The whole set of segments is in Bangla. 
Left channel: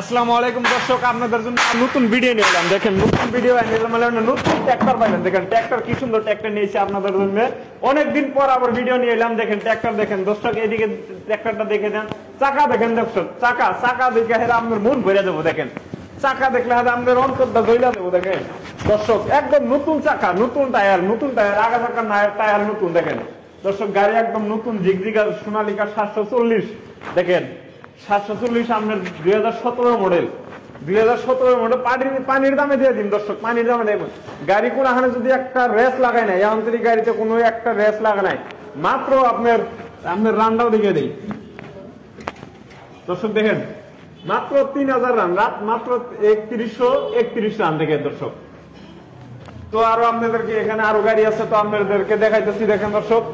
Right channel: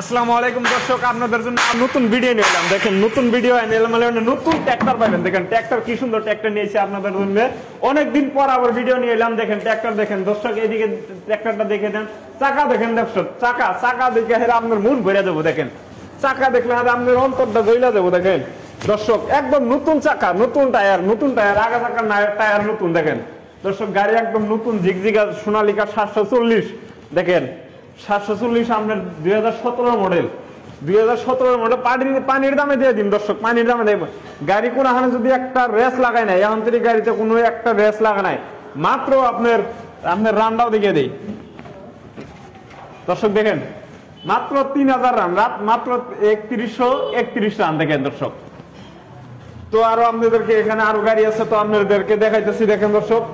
আসসালামু আলাইকুম দর্শক, আপনাদের জন্য নতুন ভিডিও নিয়ে এলাম। দেখেন নতুন ভিডিও নতুন ট্র্যাক্টর পাবেন। দেখেন ট্র্যাক্টর কি সুন্দর ট্র্যাক্টর নিয়েছে আপনাদের জন্য। অনেকদিন পর আবার ভিডিও নিয়ে এলাম। দেখেন ট্র্যাক্টর দেখেন দর্শক, এইদিকে ট্র্যাক্টরটা দেখে দেন। চাকা দেখেন দর্শক, চাকা দেখে আপনার মন ভরে দেবো। দেখেন চাকা দেখলে আপনার অন্তরটা জ্বলে দেবো। দেখেন দর্শক একদম নতুন চাকা, নতুন টায়ার, আগা চাকার টায়ার নতুন। দেখেন দর্শক গাড়ি একদম নতুন ঝিকঝিকা সোনালিকা 740। দেখেন 740 আপনার 2017 মডেল। 2017 মডেল পানির দামে দিয়ে দিন দর্শক, পানির দামে দেব। গাড়ি করে হানে যদি একটা রেস লাগাই নাই, আন্তরিক গাড়িতে কোনো একটা রেস লাগা নাই, মাত্র আপনার রানটাও দেখিয়ে দেই দর্শক। দেখেন মাত্র 3000 রান, মাত্র 3131 রান। দেখেন দর্শক, তো আরো আপনাদেরকে এখানে আরো গাড়ি আছে, তো আপনাদেরকে দেখাইতেছি। দেখেন দর্শক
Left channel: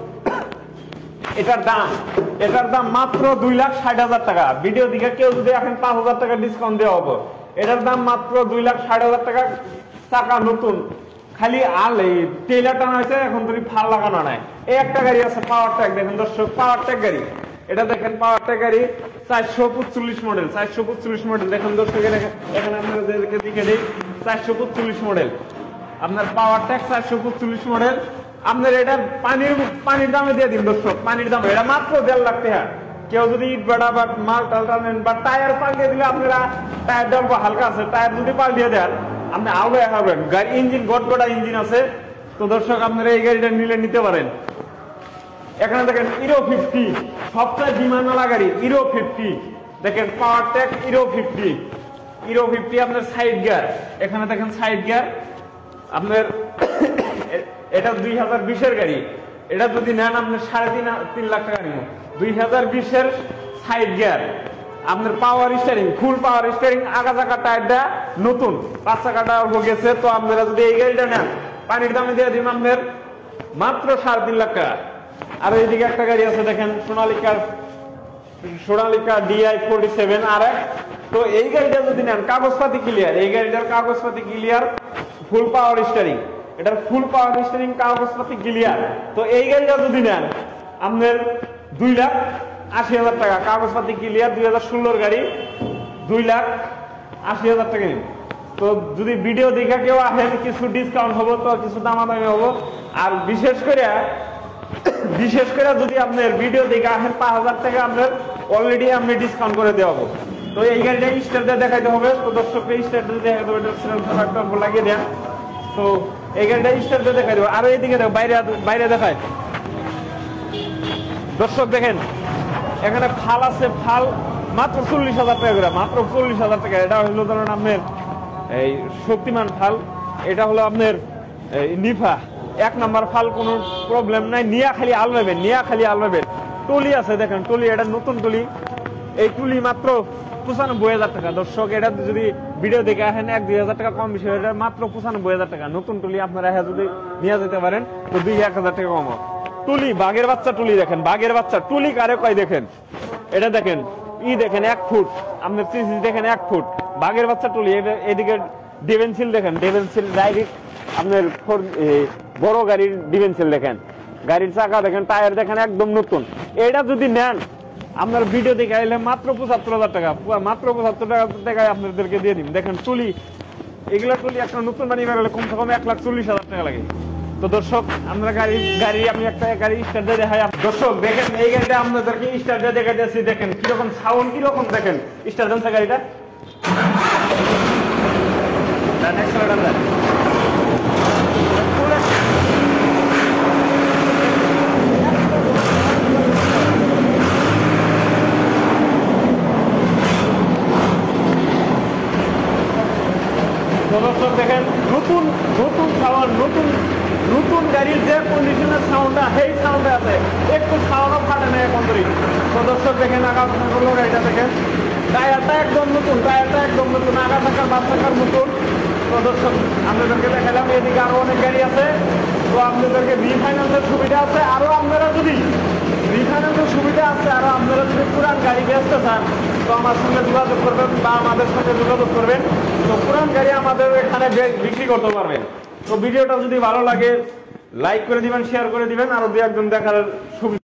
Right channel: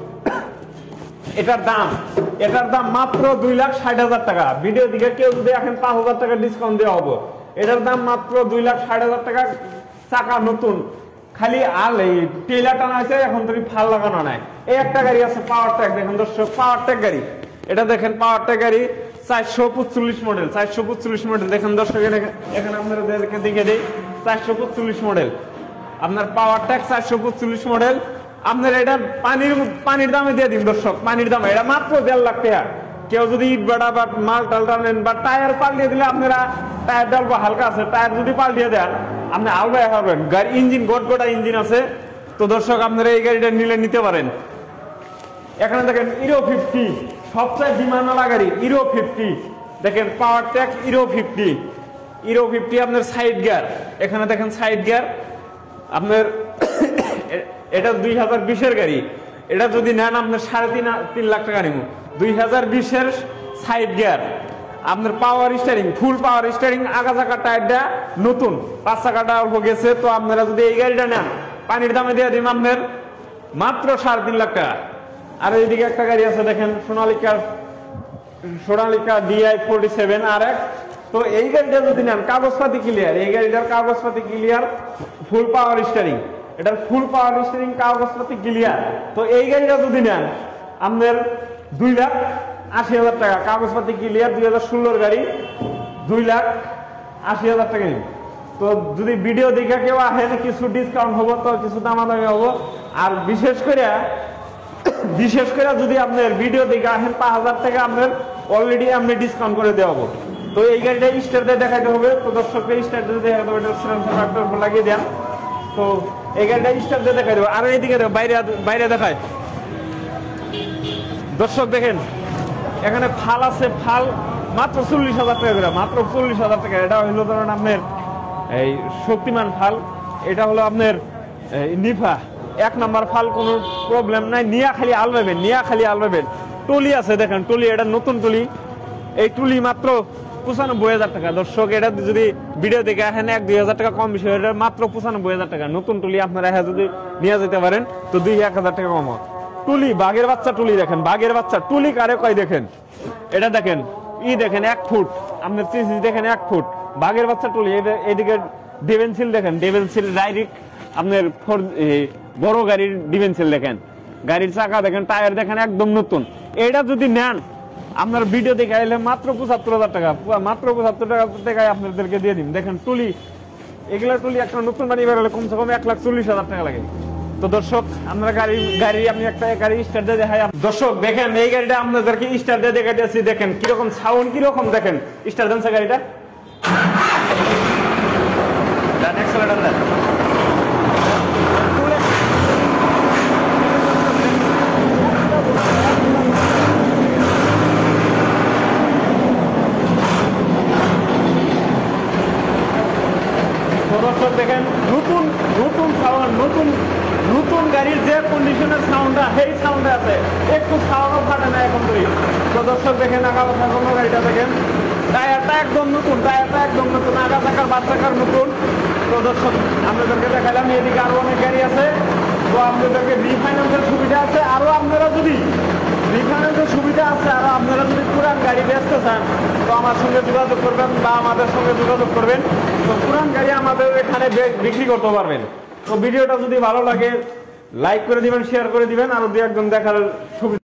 এটার দাম মাত্র 2,60,000 টাকা। ভিডিও দিকে কেউ যদি এখন 5,000 টাকা ডিসকাউন্ট দেওয়া হবো। এটার দাম মাত্র 2,60,000 টাকা। চাকা নতুন, খালি এই টেইলার টানা আছে, এখন তুমি ফাল লাগানো নাই। এই একটা গাড়ি আছে পাওয়ার ট্র্যাক। দেখেন দর্শক পাওয়ার ট্র্যাক গাড়ি, এটা দেখেন পাওয়ার ট্র্যাক গাড়ি 445 মডেল। 445 মডেল দেখেন দর্শক, এখানে আপনাদেরকে দেখে দিই 445 মডেল আপনার পাওয়ার ট্র্যাক 445 মডেল। আপনার এটা পানির দামে দিয়ে দিন দর্শক, পানির দামে। এটা মাত্র 1.5 লাখ টাকা। কেউ যদি ইট বেড়া বা মাল টাল টানেন বা টায়ার পাল্টিয়ে দিলে, আপনারা টায়ার ডাল হালকা আছে, টায়ার যদি পাল্টিয়ে দেন আপনি আলগায় পাবেন। গাড়ি ইঞ্জিন গটগটা ইঞ্জিন আছে। তো দর্শক আপনারা এই গাড়িটা নিতে পারেন। এখানে দেখেন হিরো 50, সবচেয়ে বিমানওয়ালা গাড়ি হিরো 50। দেখেন পাওয়ার ট্র্যাক হিরো 50 আপনার সাইড গিয়ার। এখানে দেখেন সাইড গিয়ার আপনার। এটা 2020 গাড়ি। এটা যদি নেন আপনার 3.5 লাখ টাকা নিব। 2020 সাইড গিয়ার আপনার পাওয়ার স্টিয়ারিং, ফুল পাওয়ার স্টিয়ারিং। আগা চাকার টায়ারটা নতুন, 5 চাকাটা অল্প গেছে। তো আপনারা যদি এই গাড়িটা নেন, পানির দামে দিয়ে দিন আপনার মাত্র 3.5 লাখ টাকা। আর এইদিকে একটা গাড়ি আছে দেখেন সোনালিকা DI 47 RX। তো এই গাড়িটা যদি নেন কাগজপাতি ক্লিয়ার, এই গাড়িটার কাগজপাতি ক্লিয়ার, ফুল পাওয়ার স্টিয়ারিং। এটা ফুল পাওয়ার স্টিয়ারিং, কাগজপাতি ক্লিয়ার। তো এই গাড়িটা যদি নেন আপনার 2,80,000 টাকা। কাগজপাতি ক্লিয়ার, 2016 গাড়ি, 2,80,000 টাকা। তো যদি ভিডিও দেখে কেউ আসে কিছু ডিসকাউন্ট হবো, তো কিছু দামাদামি হবো। আর বিশেষ করে যদি আপনার ভিডিও দেখে আসেন 5,000 টাকা আপনার অলরেডি আপনি ডিসকাউন্ট করে দেওয়া হবে। তো এই গাড়িটা স্টার দিয়ে দেখাইতে হবে। তো দর্শককে স্টার দিয়ে দেখাতে হবে, লাগিয়ে দেন। তো এই গাড়িটা স্টার দিয়ে দেখাই দেবো। আর এইদিকে বাইরে দেখায় দর্শক। দেখেন এখানে ফাল আছে, ফাল মাত্র 40,000 টাকা করে, মাত্র 40,000 টাকা। এটা হলো ধরেন আপনার এই শক্তিমান ফাল। এটা হলো আপনার নিফা 1 নাম্বার ফাল, কোনো প্রবলেম নাই। নিয়া খালি আলবেন। টুলি আছে দেখেন, টুলি এটা নতুন টুলি। এই টুলি মাত্র 95,000 টাকা। দর্শক এটা যদি ভিডিও দেখে আসেন 1-2,000 টাকা কম বেশি, এটা মাত্র 95,000 টাকা। নতুন টুলি আপনারা যদি নিয়ে যেতে পারেন তো 2-1,000 টাকা কম। টুলি বাঘের বাচ্চা টুলি দেখেন, বাঘের বাচ্চা টুলি কারে কয় দেখেন। এটা দেখেন দেখেন 1 ফুট আপনার সিসি দেখেন 1 ফুট বাঘের বাচ্চা টুলি। এদিকে ডিভেন্সিল দেখেন, ডিভেন্সিল ডাইরেক্ট আপনার বড় গাড়ির ডিভেন্সিল দেখেন। গাড়ির চাকা দেখেন, টায়ার দেখেন একদম নতুন। এটা যদি নেন আপনার ভিডিও দেখে আইলে মাত্র 75,000 টাকা, মাত্র 75,000 টাকায় আপনাদেরকে দিয়ে দিন। দেখেন টুলি, এগুলো টুলি একটা নতুন গাড়ি বেরোলে কমসে কম 1,40,000 টাকা লাগে। তো দর্শক আমরা গাড়ি আমি একটা গাড়ি স্টার্ট দিয়ে দেখাই। দর্শক দেখেন এই গাড়িটা আপনাদেরকে স্টার্ট দিয়ে দেখে দিয়েছি। দেখেন কিরকম সাউন্ড, কিরকম দেখেন স্টার্ট দেন গাড়িটা। দেখেন নতুন সাউন্ড, নতুন গাড়ির যে কন্ডিশনের সাউন্ড সেই সাউন্ডে আছে, একটু সাউন্ড ফাটে না এখন ধরে। তো দর্শক দেখেন আগা কথা বলবো, গাড়িটা দেখেন টায়ারটা একদম নতুন, আগা চাকা 5 চাকার নতুন। তো দর্শক আপনাদেরকে দেখালাম। এদিকে আরো অনেক গাড়ি আছে। তো আপনাদেরকে রিফাইন্যান্সের সুবিধা আছে। আরো আপনারা যদি রিফাইন্যান্সের সুবিধা আছে, আরো আপনারা যদি পুরান গাড়ি বেচতে চান তো আমার সঙ্গে যোগাযোগ করবেন বা আমাদের সঙ্গে যোগাযোগ করবেন। তো পুরান গাড়ি আমাদের এখানে বিক্রি করতে পারবেন। তো ভিডিওটা যদি ভালো লাগে লাইক করে দিবেন, শেয়ার করে দিবেন। আর 2-1 জন দেখার সুবিধা